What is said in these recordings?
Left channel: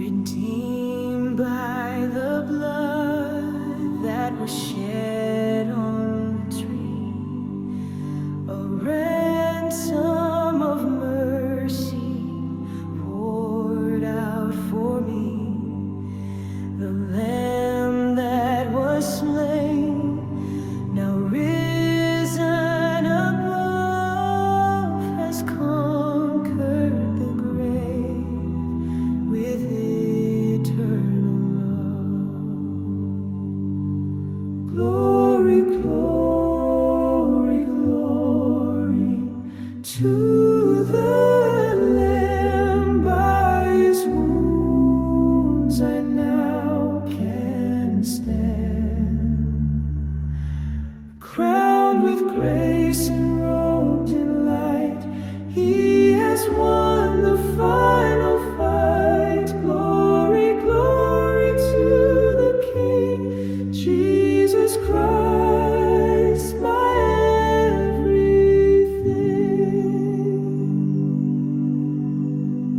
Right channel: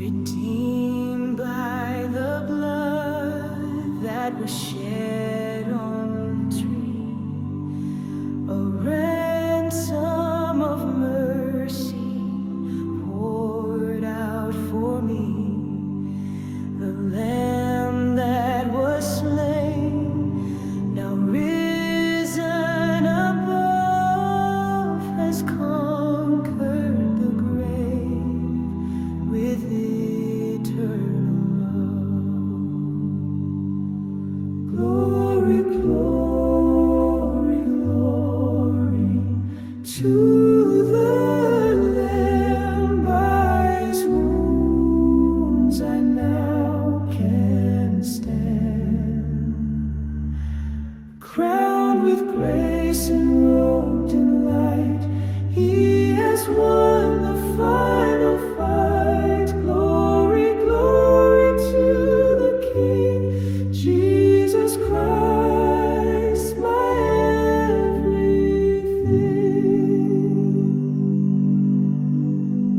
redeemed by the blood that was shed on the tree, a ransom of mercy poured out for me, the Lamb that was slain, now risen above, has conquered the grave with eternal love. Glory, glory, glory to the Lamb. By His wounds I now can stand, crowned with grace and robed in light. He has won the final fight. Glory, glory to the King, Jesus Christ, my everything.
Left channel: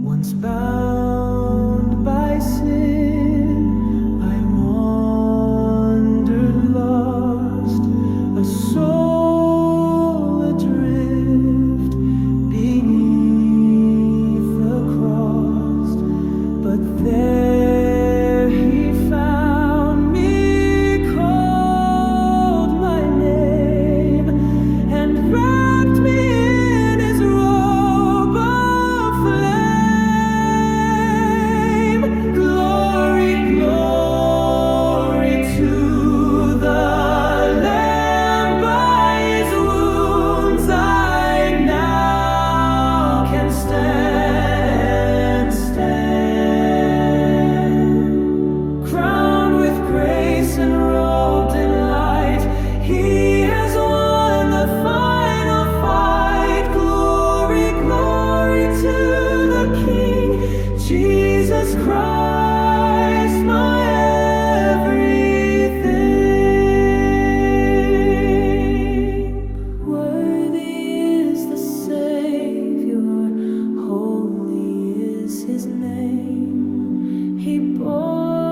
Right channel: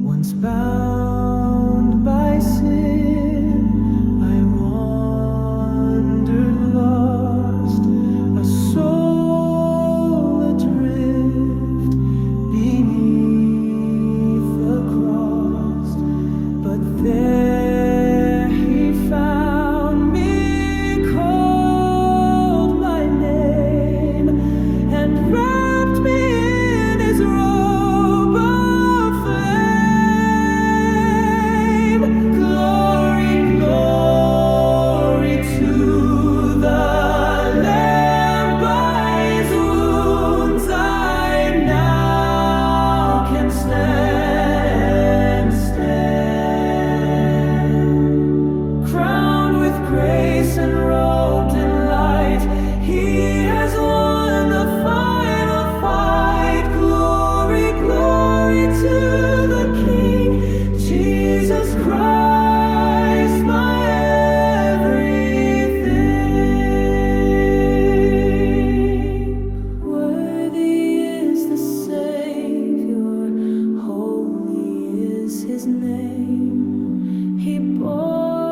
Once bound by sin, I wandered lost, a soul adrift beneath the cross. But there He found me, called my name, and wrapped me in His robe of flame. Glory, glory to the Lamb. By His wounds I now can stand, crowned with grace and robed in light. He has won the final fight. Glory, glory to the King, Jesus Christ, my everything. Worthy is the Savior, holy is His name. He bore